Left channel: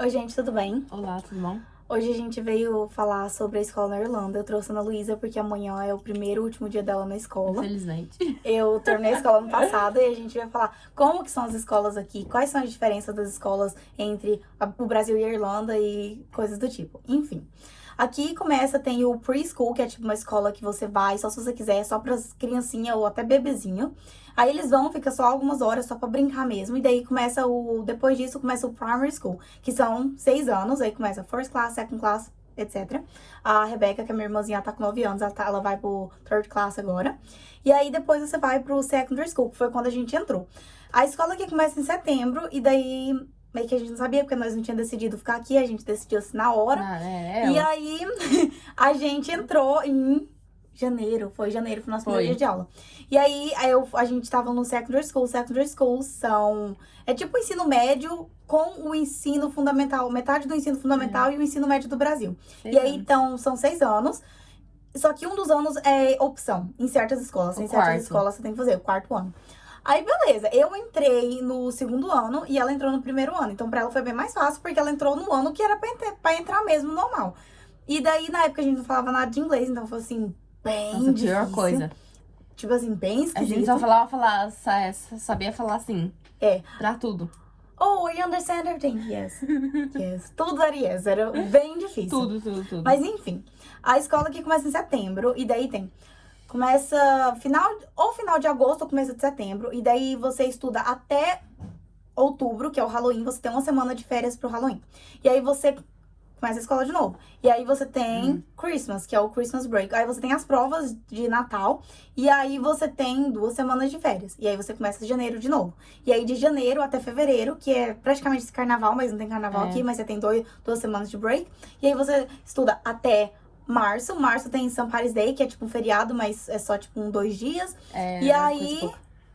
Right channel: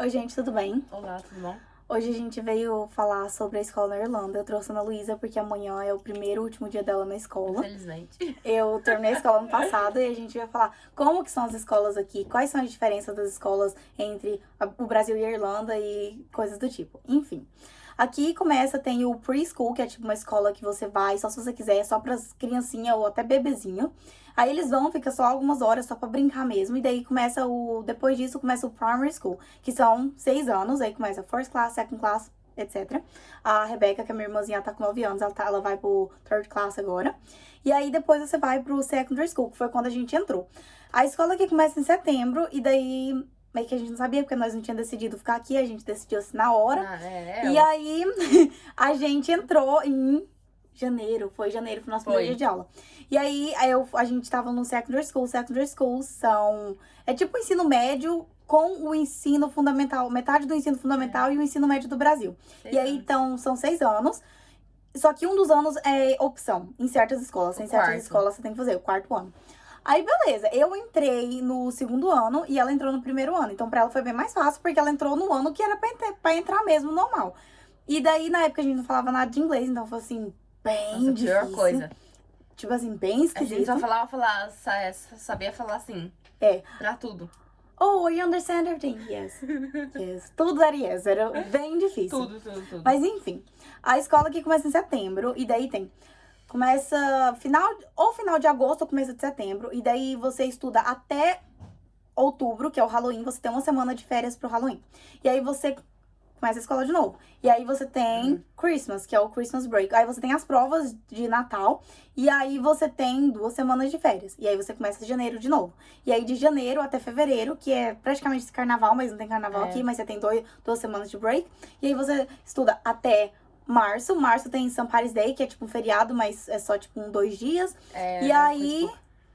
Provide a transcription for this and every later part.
Oi, gente, tudo bem? Olá, tudo bom? Hoje a gente veio falar sobre a escola na Irlanda. Eu trouxe a Ana Luísa porque amanhã é o primeiro e último dia dela na escola. Infelizmente. Eu terminei a escola ano passado e a gente vai falar como que são as escolas aqui, quais são as diferenças das escolas entre o Brasil e a Irlanda e coisas do tipo. Enfim. Aqui começa, tem o preschool, que é tipo uma escola que você vai só se você quiser, só pras criancinhas ou até bebezinho. Aí eles vão, fica só algumas horas só pra brincar mesmo. E daí começa depois disso começa o primary school, que são 6 anos. Aí começa first class, second class, etc. A Rebeca, que é minha irmãzinha, tá com 9 anos, ela vai pro third class agora. E aí depois você vai pro secondary school, que foi quando a gente entrou. A escola aqui começa em setembro, e daí meio que a gente não sabia, porque nós não tínhamos decidido ficar aqui, a gente decidiu assim na hora. E aí a gente entrou em janeiro, foi o nosso primeiro dia de aula. E aí a gente tava no secondary school. Secondary school é tipo o ensino médio com o ensino fundamental, metade do ensino fundamental e o ensino médio do Brasil. E aí, então, são 6 anos. Só que um dos anos é opção em certas escolas. Em certas escolas você tem que fazer o quarto ano. Aí, beleza, eu entrei no segundo ano e ela entrou no primeiro ano. Então, pra ela foi bem mais fácil, porque ela entrou no ano que era pra entrar mesmo, normal. E daí, na época, a gente não falava nada de inglês, então foi assim, bem Nossa, difícil. pior coisa. Tipo assim, bem esquisito. A gente só sabia falar assim. Pra tudo. Oh, you understand everything? Yes. Yes. Tudo era yes, era bem difícil. Tudo. Mas enfim, a escola aqui começa em setembro, e daí começa final de agosto ou começo de setembro, e daí você estuda até outubro, que é o Halloween, você tem uma semana de férias pro Halloween. E aí você começa a escola de novo. E aí você tem Christmas, que é o Christmas break. Aí você tem as provas de Natal. E aí você tem 2 semanas de férias. E aí você começa de janeiro de novo. E aí de janeiro até fevereiro, que é praticamente esse carnaval, mas não tem carnaval aqui, mas você tem 2 semanas de break. E aí você estuda até março. Março tem St. Patrick's Day, que é tipo um feriado, mas é só tipo 2 dias. E aí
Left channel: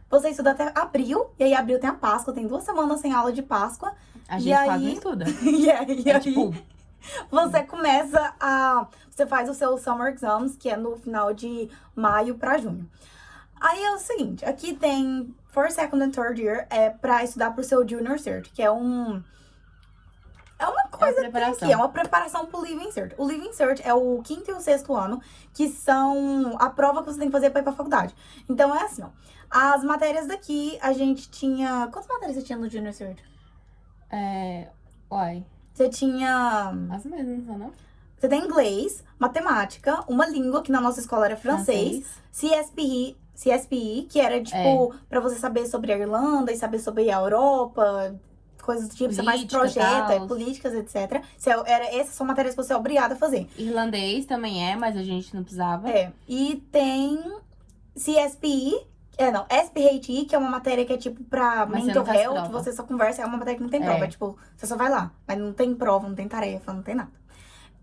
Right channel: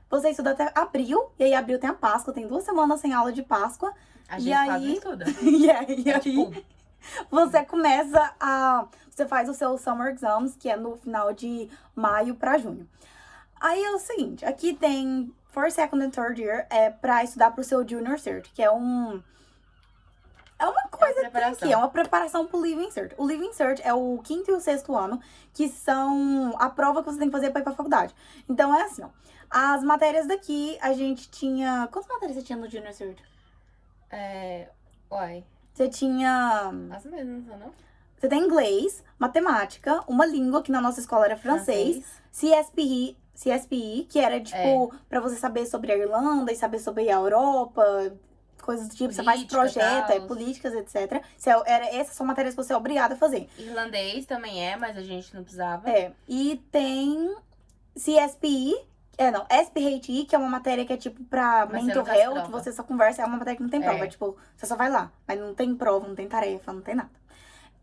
você estuda até abril. E aí abril tem a Páscoa, tem 2 semanas sem aula de Páscoa. A gente quase não estuda. E aí, tipo, você você faz o seu Summer Exams, que é no final de maio pra junho. Aí é o seguinte, aqui tem First, Second and Third Year, pra estudar pro seu Junior Cert, que é uma coisa é uma preparação pro Living Cert. O Living Cert é o 5º e o 6º ano, que são a prova que você tem que fazer pra ir pra faculdade. Então é assim, ó. As matérias daqui, a gente tinha... Quantas matérias você tinha no Junior Cert? Você tinha... As mesmas, não? Você tem inglês, matemática, uma língua, que na nossa escola era francês. CSPI, que era, tipo, pra você saber sobre a Irlanda e saber sobre a Europa, coisas do tipo, você faz projeto, políticas, etc. Essas são matérias que você é obrigada a fazer. Irlandês também mas a gente não precisava. E tem CSPI, SPHI, que é uma matéria que é tipo pra mental health, que você só conversa, é uma matéria que não tem prova, tipo, você só vai lá, mas não tem prova, não tem tarefa, não tem nada.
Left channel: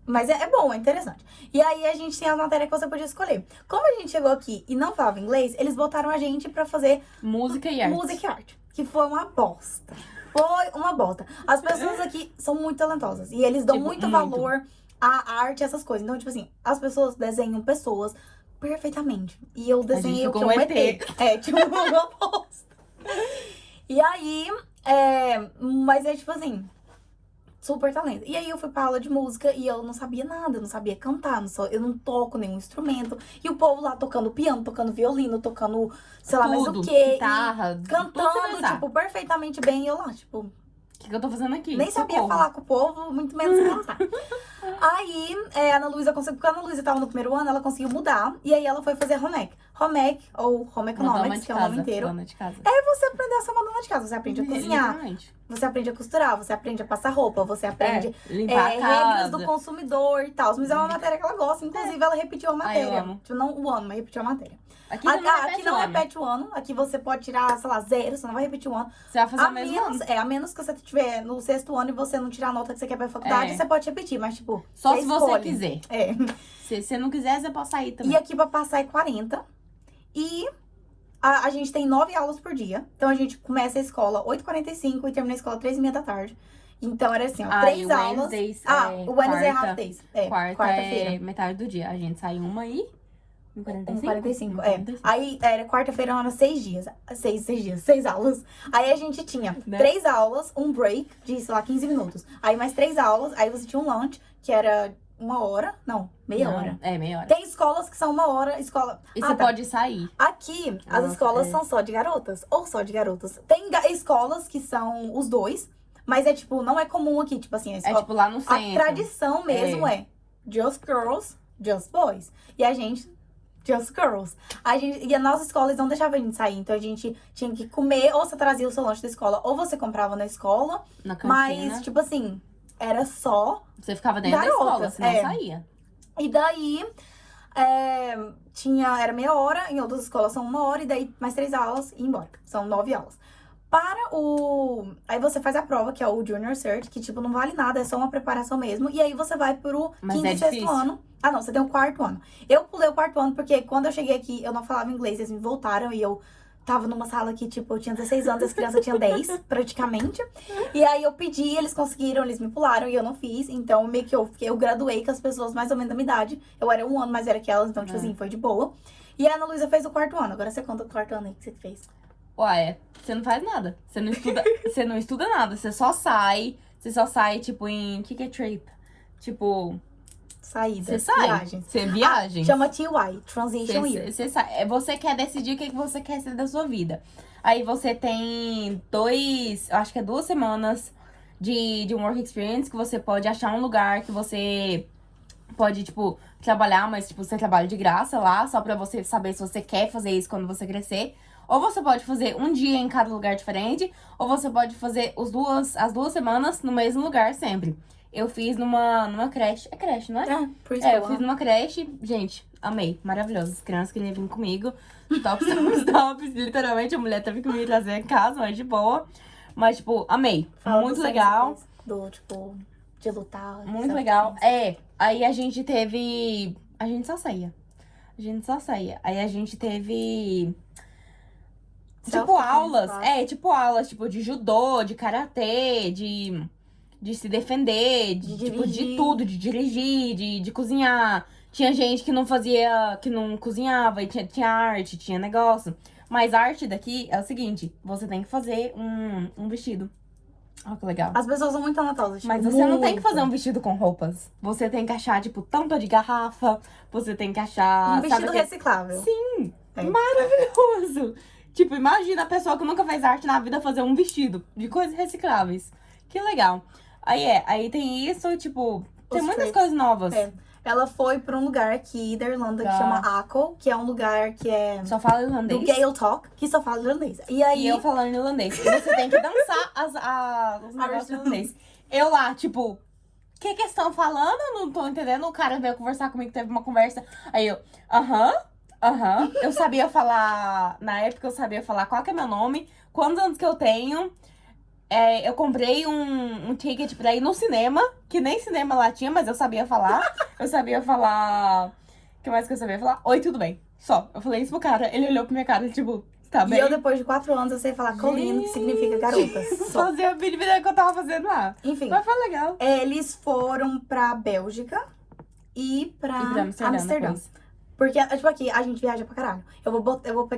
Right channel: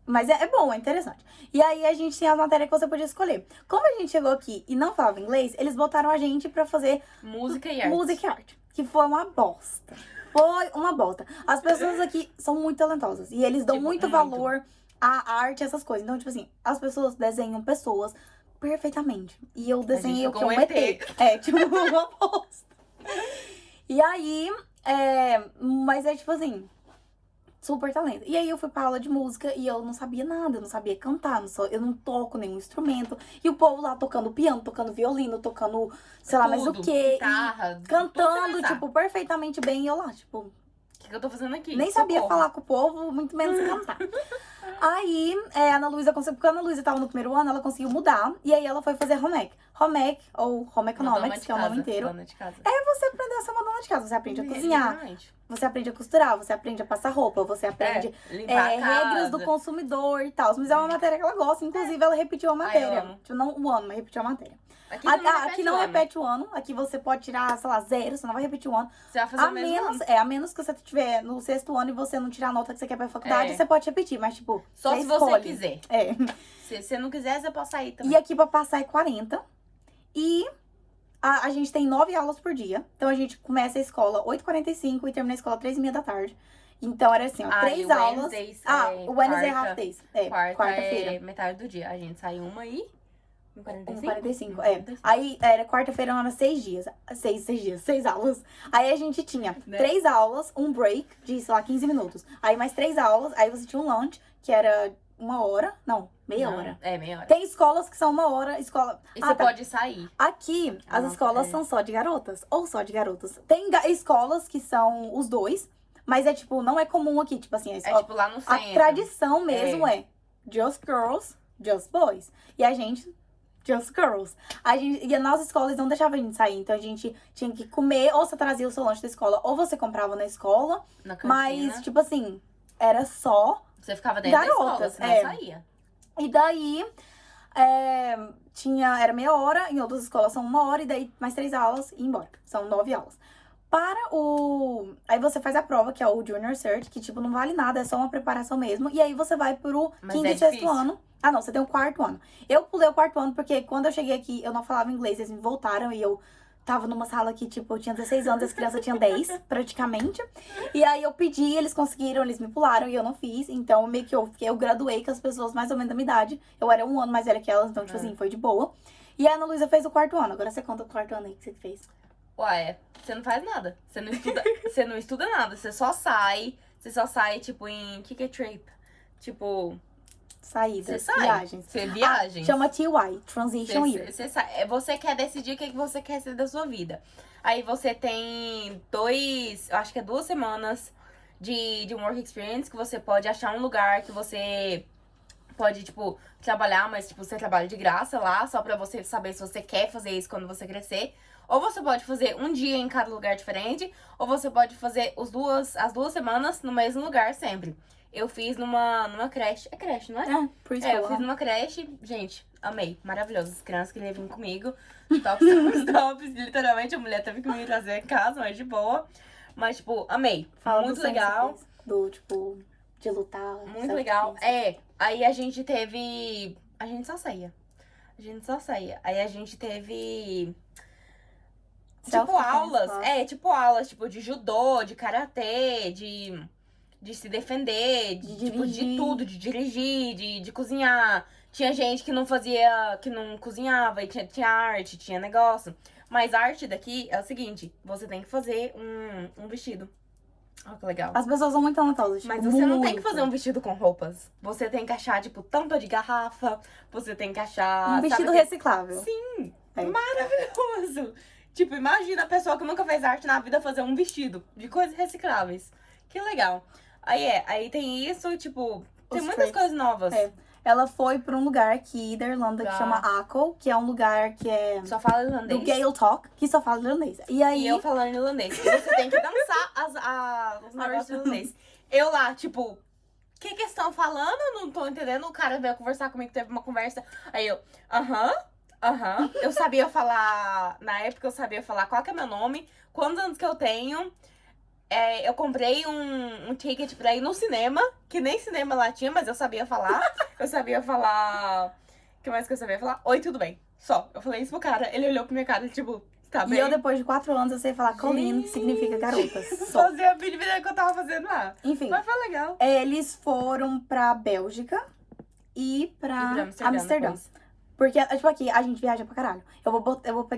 Mas é bom, é interessante. E aí a gente tinha a matéria que você podia escolher. Como a gente chegou aqui e não falava inglês, eles botaram a gente pra fazer música e arte, que foi uma bosta. Foi uma bosta. As pessoas aqui são muito talentosas e eles dão muito valor à arte, essas coisas. Então, tipo assim, as pessoas desenham pessoas perfeitamente. E eu desenhei o que um ET. Tipo, uma bosta. E aí, mas é tipo assim, super talento. E aí eu fui pra aula de música e eu não sabia nada, eu não sabia cantar, eu não toco nenhum instrumento. E o povo lá tocando piano, tocando violino, tocando, sei lá, mais o quê. Guitarra, cantando, tipo, perfeitamente bem. E eu lá, tipo... O que eu tô fazendo aqui? Nem sabia falar com o povo, muito menos cantar. Aí, a Ana Luísa conseguiu... Porque a Ana Luísa tava no primeiro ano, ela conseguiu mudar. E aí ela foi fazer home ec. Home ec, ou home economics, que é o nome inteiro. Dona de casa. Aí você aprende a ser uma dona de casa. Você aprende a cozinhar. Você aprende a costurar, você aprende a passar roupa, você aprende limpar a casa. Regras do consumidor e tal. Mas é uma matéria que ela gosta. Inclusive, ela repetiu a matéria. Eu amo. Tipo, não o ano, mas repetiu a matéria. Aqui não repete o ano. Aqui você pode tirar, sei lá, 0. Você não vai repetir o ano. Você vai fazer o mesmo ano. A menos que você estiver no 6º ano e você não tirar a nota que você quer pra faculdade, você pode repetir. Mas, tipo, só se você quiser. Se você não quiser, você pode sair também. E aqui pra passar é 40. E a gente tem 9 aulas por dia. Então, a gente começa a escola 8h45 e termina a escola 3h30 da tarde. Então, era assim, 3 aulas. Wednesdays, o Wednesday é half days. Quarta-feira. Metade do dia. A gente sai 1h 1h45, é. Aí era quarta-feira, era 6 dias. 6 aulas. Aí a gente tinha 3 aulas, um break de, sei lá, 15 minutos. Aí mais 3 aulas, aí você tinha um lunch, que era 1 hora. Não, meia hora. É, meia hora. Tem escolas que são 1 hora, escola... E você pode sair. Aqui, as escolas são só de garotas, ou só de garotos. Tem escolas que são os dois, mas é tipo, não é comum aqui, tipo assim... É tipo lá no centro. A tradição mesmo é just girls, just boys. E a gente... Just girls. E a nossa escola, eles não deixavam a gente sair. Então, a gente tinha que comer, ou você trazia o seu lanche da escola, ou você comprava na escola. Na cantina. Mas, tipo assim, era só Você ficava dentro da escola, você não saía. E daí, era meia hora, em outras escolas são 1 hora, e daí mais 3 aulas e ir embora. São 9 aulas. Aí você faz a prova, que é o Junior Cert, que, tipo, não vale nada, é só uma preparação mesmo. E aí você vai pro quinto e sexto ano. Ah, não, você tem o 4º ano. Eu pulei o 4º ano, porque quando eu cheguei aqui, eu não falava inglês, eles me voltaram e eu tava numa sala que, tipo, eu tinha 16 anos, as crianças tinham 10, praticamente. E aí eu pedi, eles conseguiram, eles me pularam e eu não fiz. Então, meio que eu graduei com as pessoas mais ou menos da minha idade. Eu era 1 ano mais velha que elas, então, tipo assim, foi de boa. E a Ana Luísa fez o 4º ano. Agora você conta o 4º ano aí que você fez. Ué, você não faz nada. Você não estuda, você não estuda nada. Você só sai, tipo, em... O que é trip? Tipo... Saída. Você sai. Viagens. Você viagem. Chama TY, Transition Year. Você sai. Você quer decidir o que você quer ser da sua vida. Aí você tem eu acho que é 2 semanas de um work experience, que você pode achar um lugar que você pode, tipo, trabalhar, mas, tipo, você trabalha de graça lá, só pra você saber se você quer fazer isso quando você crescer. Ou você pode fazer um dia em cada lugar diferente, ou você pode fazer as 2 semanas no mesmo lugar sempre. Eu fiz numa creche. É creche, não é? Por isso eu fiz numa creche. Gente, amei. Maravilhoso. As crianças queriam vir comigo. Tops. Literalmente, a mulher teve que me trazer em casa, mas de boa. Mas, tipo, amei. Muito legal. Tipo, de lutar. Muito legal. Aí a gente teve... A gente só saía. Aí a gente teve... Tipo, aulas. Tipo, aulas, tipo, de judô, de karatê, de se defender, tipo, de tudo, de dirigir, de cozinhar. Tinha gente que não cozinhava, e tinha arte, tinha negócio. Mas a arte daqui é o seguinte, você tem que fazer um vestido. Olha que legal. As pessoas são muito talentosas. Mas você não tem que fazer um vestido com roupas. Você tem que achar, tipo, tampa de garrafa. Você tem que achar... Um vestido reciclável. Sim, maravilhoso. Tipo, imagina a pessoa que nunca fez arte na vida fazer um vestido de coisas recicláveis. Que legal. Aí tem isso, tipo, tem muitas coisas novas. Ela foi pra um lugar aqui da Irlanda que chama Aco, que é um lugar que é... Só fala irlandês. Do Gael Talk, que só fala irlandês. E eu falando irlandês. E você tem que dançar os negócios irlandês. Eu lá, tipo, o que estão falando? Eu não tô entendendo. O cara veio conversar comigo, teve uma conversa. Aí eu, aham. Eu sabia falar, na época eu sabia falar qual que é meu nome, quantos anos que eu tenho. Eu comprei um ticket pra ir no cinema, que nem cinema lá tinha, mas eu sabia falar. O que mais que eu sabia falar? Oi, tudo bem? Só. Eu falei isso pro cara, ele olhou pra minha cara, tipo, tá bem? E eu, depois de 4 anos, eu sei falar colleen, que significa garotas. Fazia a mínima ideia que eu tava fazendo lá. Enfim. Mas foi legal. Eles foram pra Bélgica e pra Amsterdã. Porque, tipo, aqui a gente viaja pra caralho. Eu vou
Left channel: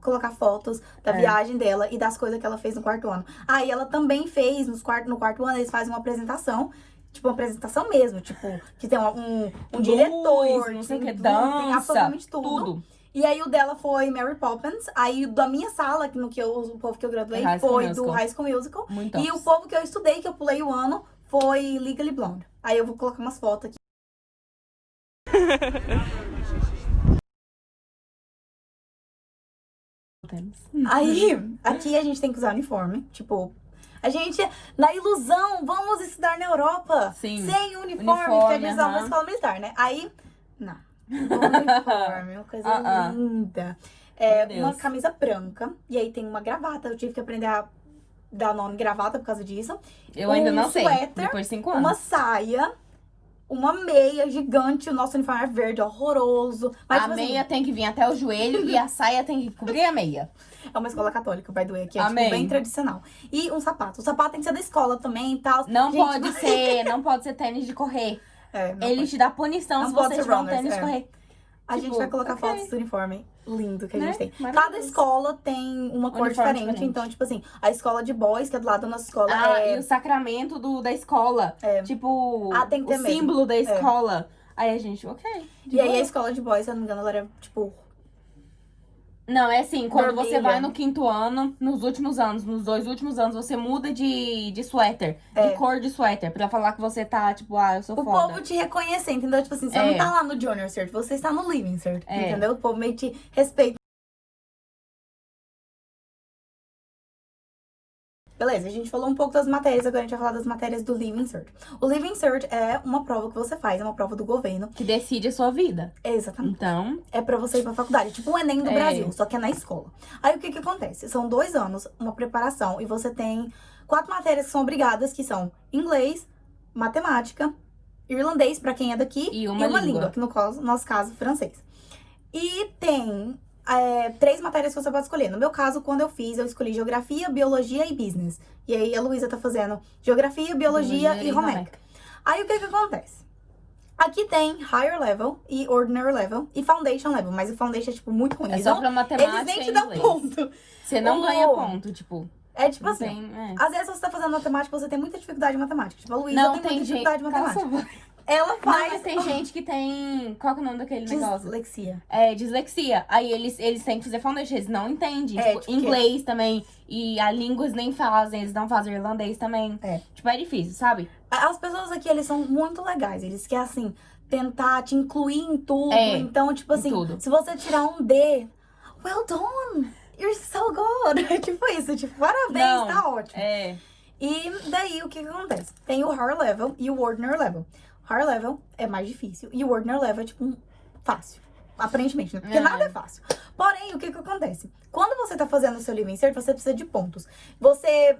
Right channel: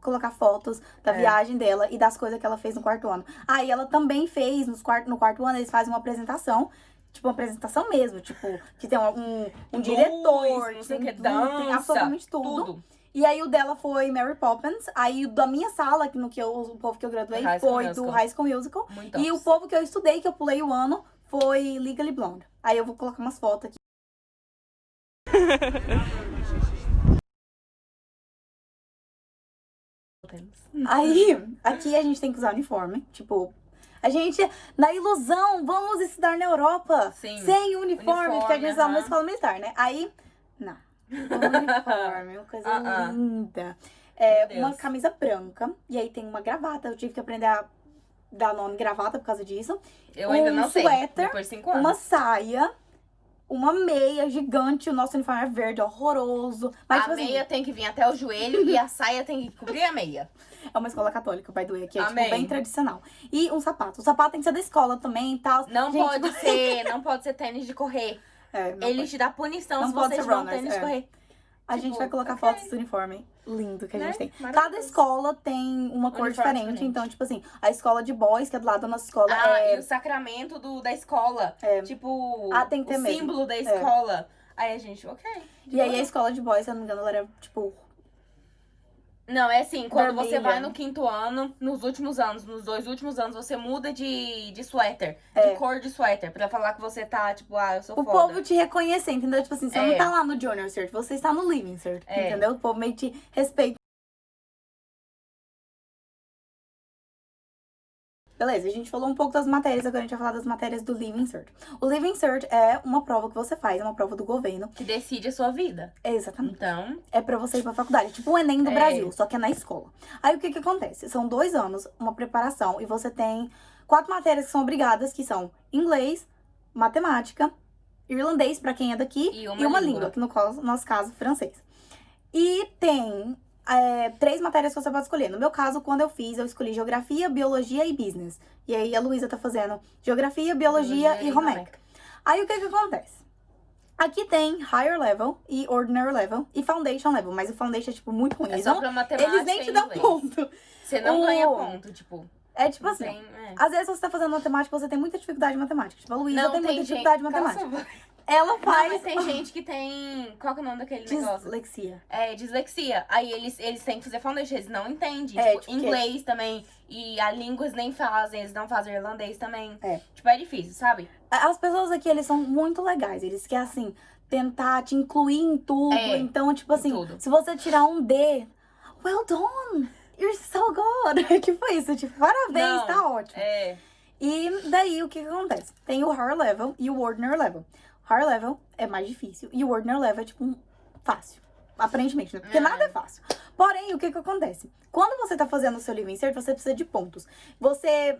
colocar fotos da viagem dela e das coisas que ela fez no 4º ano. Aí ela também fez, no 4º ano, eles fazem uma apresentação. Tipo, uma apresentação mesmo. Tipo, que tem um diretor. Não sei o que, dança. Tem absolutamente tudo. E aí o dela foi Mary Poppins. Aí da minha sala, o povo que eu graduei, foi do High School Musical. Muito e o povo que eu estudei, que eu pulei o ano, foi Legally Blonde. Aí eu vou colocar umas fotos aqui. Aí, aqui a gente tem que usar uniforme. Tipo, a gente, na ilusão, vamos estudar na Europa. Sim. Sem uniforme, que a gente usa uma escola militar, né? Aí, não. Uniforme, uma coisa linda. Uma camisa branca. E aí tem uma gravata. Eu tive que aprender a dar nome gravata por causa disso. Eu ainda não sei. Suéter, depois de 5 anos. Uma saia. Uma meia gigante, o nosso uniforme é verde, horroroso. Mas, a meia tem que vir até o joelho e a saia tem que cobrir a meia. É uma escola católica, by the way, que é tipo, bem tradicional. E um sapato. O sapato tem que ser da escola também e tal. Não pode ser tênis de correr. Ele te dá punição se você tiver um tênis de correr. A gente vai colocar ok. fotos do uniforme lindo que a Né? gente tem. Cada Maravilhoso. escola tem uma cor Uniforme diferente. diferente. Então, tipo assim, a escola de boys, que é do lado da nossa escola, E o sacramento da escola. É. Tipo, tem que o ter mesmo. símbolo da escola. Aí a gente, ok. E aí a escola de boys, se eu não me engano, ela era, tipo... Não, é assim, quando Vermelha. você vai no 5º ano, nos últimos anos, nos 2 últimos anos, você muda de suéter, de cor de suéter, pra falar que você tá, tipo, eu sou O foda. povo te reconhecer, entendeu? Tipo assim, você não tá lá no Junior Cert, você está no Living Cert, entendeu? O povo meio te respeita. Beleza, a gente falou um pouco das matérias, agora a gente vai falar das matérias do Living Cert. O Living Cert é uma prova que você faz, é uma prova do governo. Que decide a sua vida. Exatamente. Então... É pra você ir pra faculdade, tipo o Enem do Brasil, só que é na escola. Aí o que acontece? São 2 anos, uma preparação, e você tem 4 matérias que são obrigadas, que são inglês, matemática, irlandês pra quem é daqui, e uma língua, que no nosso caso, francês. E tem 3 matérias que você pode escolher. No meu caso, quando eu fiz, eu escolhi geografia, biologia e business. E aí a Luísa tá fazendo geografia, biologia e home ec. Aí o que acontece? Aqui tem Higher Level e Ordinary Level e Foundation Level, mas o Foundation é, tipo, muito ruim. É só pra matemática eles nem te e dão inglês. ponto. Você não ganha ponto, tipo... É tipo assim, tem, às vezes você tá fazendo matemática, você tem muita dificuldade em matemática. Tipo, a Luísa Não, tem muita tem dificuldade em gente... matemática. Ela Não, faz... mas tem gente que tem... Qual que é o nome daquele negócio? Dislexia. É, dislexia. Aí eles têm que fazer foundation, eles não entendem. É, tipo, inglês também. E a línguas nem fazem, eles não fazem irlandês também. É. Tipo, é difícil, sabe? As pessoas aqui, eles são muito legais. Eles querem, assim, tentar te incluir em tudo. É, Então, tipo assim, tudo. se você tirar um D, well done! You're so good! Tipo isso, tipo, parabéns, Não, tá ótimo. É. E daí, o que acontece? Tem o Higher Level e o Ordinary Level. Higher Level é mais difícil e o Ordinary Level é, tipo, fácil. Aparentemente, né? Porque nada é fácil. Porém, o que acontece? Quando você tá fazendo o seu Living Cert, você precisa de pontos.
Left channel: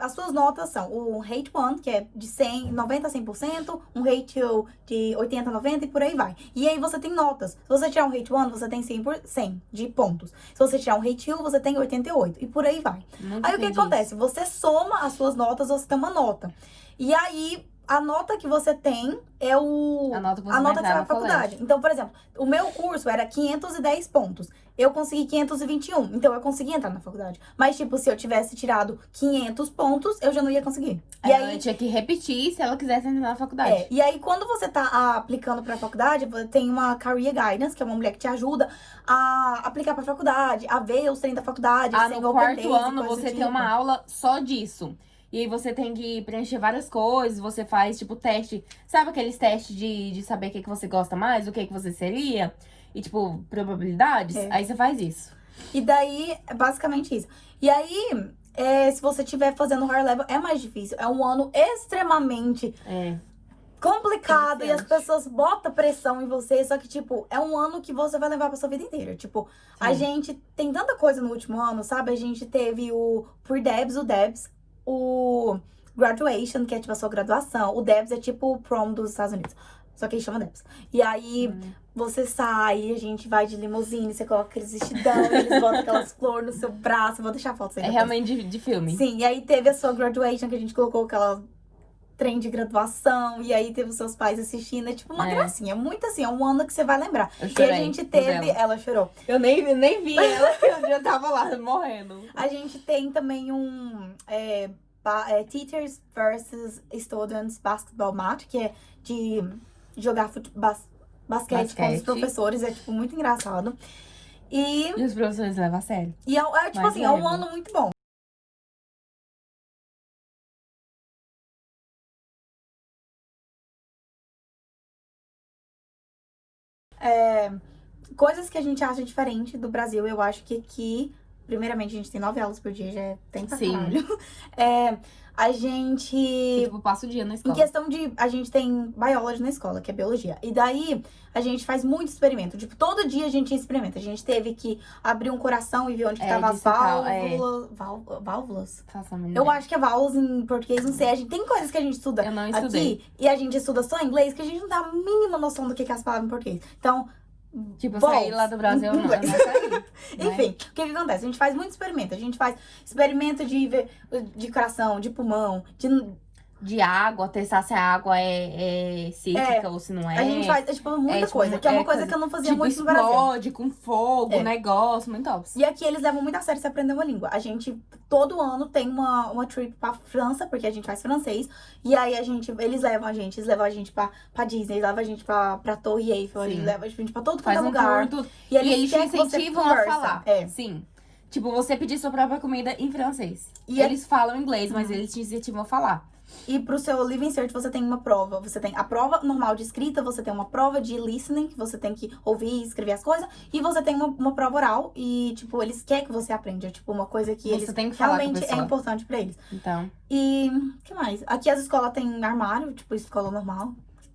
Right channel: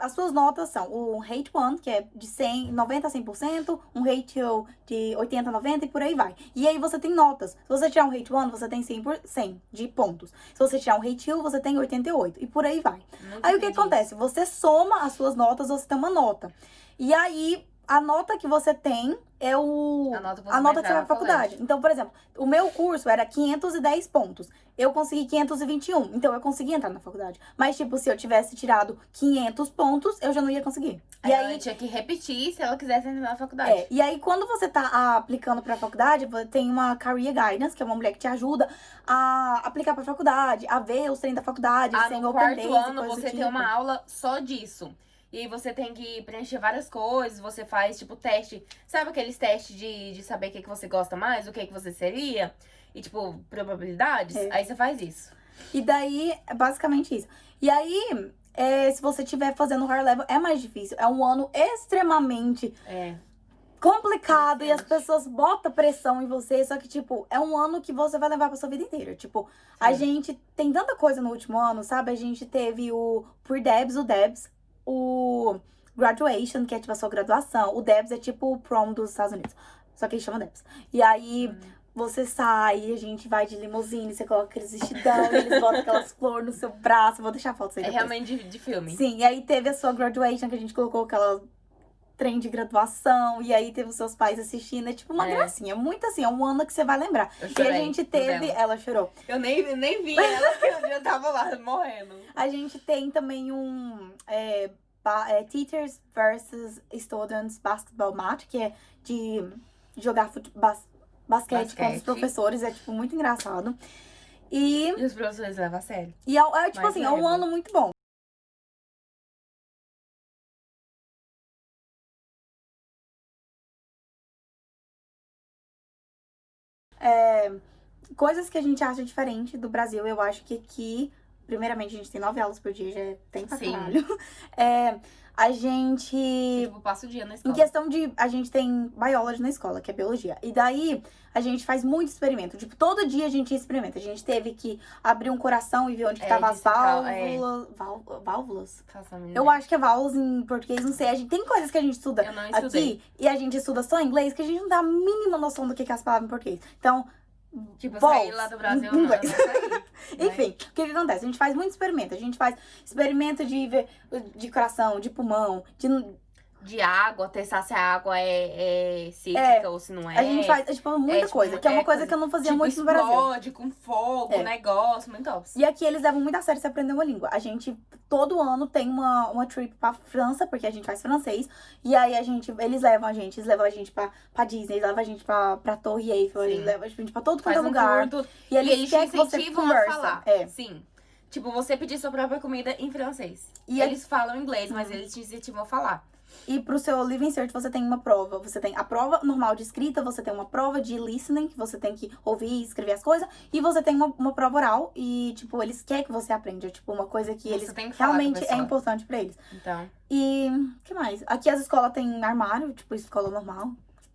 As suas notas são o Rate 1, que é de 90 a 100%, um Rate 2 de 80 a 90 e por aí vai. E aí você tem notas. Se você tirar um Rate 1, você tem 100 de pontos. Se você tirar um Rate 2, você tem 88 e por aí vai. Aí o que acontece? Você soma as suas notas, você tem uma nota. E aí... A nota que você tem é a nota que você vai na faculdade. Então, por exemplo, o meu curso era 510 pontos. Eu consegui 521, então eu consegui entrar na faculdade. Mas, tipo, se eu tivesse tirado 500 pontos, eu já não ia conseguir. E aí ela tinha que repetir se ela quisesse entrar na faculdade. E aí, quando você tá aplicando pra faculdade, tem uma Career Guidance, que é uma mulher que te ajuda a aplicar pra faculdade, a ver os treinos da faculdade. No 4º ano, você tem uma aula só disso. E aí você tem que preencher várias coisas, você faz, tipo, teste... Sabe aqueles testes de saber o que você gosta mais, o que você seria? E, tipo, probabilidades? Aí você faz isso. E daí, é basicamente isso. E aí, se você estiver fazendo higher level, é mais difícil. É um ano extremamente complicado e as pessoas botam pressão em você. Só que, tipo, é um ano que você vai levar pra sua vida inteira. Tipo, a gente tem tanta coisa no último ano, sabe? A gente teve o Pre-Debs, o Debs, o Graduation, que é tipo a sua graduação. O Debs é tipo o prom dos Estados Unidos. Só que eles chamam Debs. E aí, você sai, a gente vai de limusine, você coloca aqueles vestidão, eles botam aquelas flores no seu braço. Vou deixar a foto aí. É realmente de filme. Sim, e aí teve a sua graduation, que a gente colocou aquela trem de graduação. E aí teve os seus pais assistindo. É tipo uma gracinha. Muito assim, é um ano que você vai lembrar. Eu chorei. E a gente teve... Ela chorou. Eu nem vi ela, eu já tava lá morrendo. A gente tem também Teachers versus Students Basketball Match, que é de jogar basquete com os professores. É, tipo, muito engraçado. E os professores levam a sério. E tipo assim, é um ano muito bom. Coisas que a gente acha diferente do Brasil, eu acho que aqui, primeiramente, a gente tem 9 aulas por dia, já é tempo pra caralho. A gente... Tipo, passa o dia na escola. Em questão de... A gente tem biology na escola, que é biologia. E daí, a gente faz muito experimento. Tipo, todo dia a gente experimenta. A gente teve que abrir um coração e ver onde que tava as válvulas. Válvulas? Eu acho que é válvulas em português, não sei. A gente, tem coisas que a gente estuda aqui e a gente estuda só em inglês, que a gente não dá a mínima noção do que é as palavras em português. Então... Tipo, sair lá do Brasil, eu não saí. Enfim, o que acontece? A gente faz muito experimento. A gente faz experimento de coração, de pulmão, de água, testar se a água é cítrica ou se não é. A gente faz, tipo, muita tipo, coisa, que é uma coisa que eu não fazia tipo, muito no Brasil. explode com fogo, negócio, muito top. E aqui eles levam muito a sério se aprender uma língua. A gente, todo ano, tem uma trip pra França, porque a gente faz francês. E aí eles levam a gente pra Disney, levam a gente pra Torre Eiffel, eles levam a gente pra todo Faz lugar. Tour, E eles te querem que você incentivam a conversa. falar. Sim. Tipo, você pedir sua própria comida em francês. E eles falam inglês, mas eles te incentivam a falar. E pro seu Living Search você tem uma prova. Você tem a prova normal de escrita, você tem uma prova de listening, que você tem que ouvir e escrever as coisas. E você tem uma prova oral e, tipo, eles querem que você aprenda. Tipo, uma coisa que você tem que falar realmente é importante pra eles. Então. E o que mais? Aqui as escolas têm armário, tipo, escola normal.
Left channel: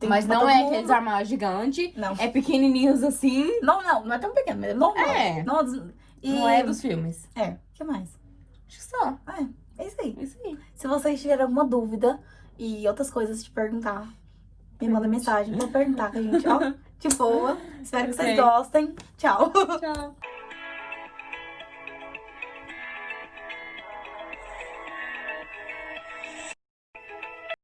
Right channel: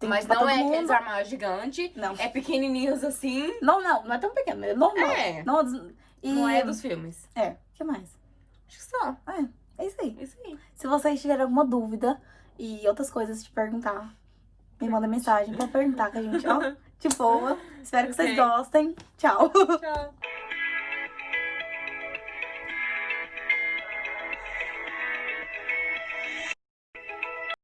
Mas não é aqueles armários gigantes. Não. É pequenininhos assim. Não é tão pequeno, é normal. Não é dos filmes. O que mais? Acho que só. É isso aí. Isso aí. Se vocês tiverem alguma dúvida e outras coisas te perguntar, me manda mensagem pra perguntar que a gente, ó, de boa. Espero que vocês gostem. Tchau. Tchau.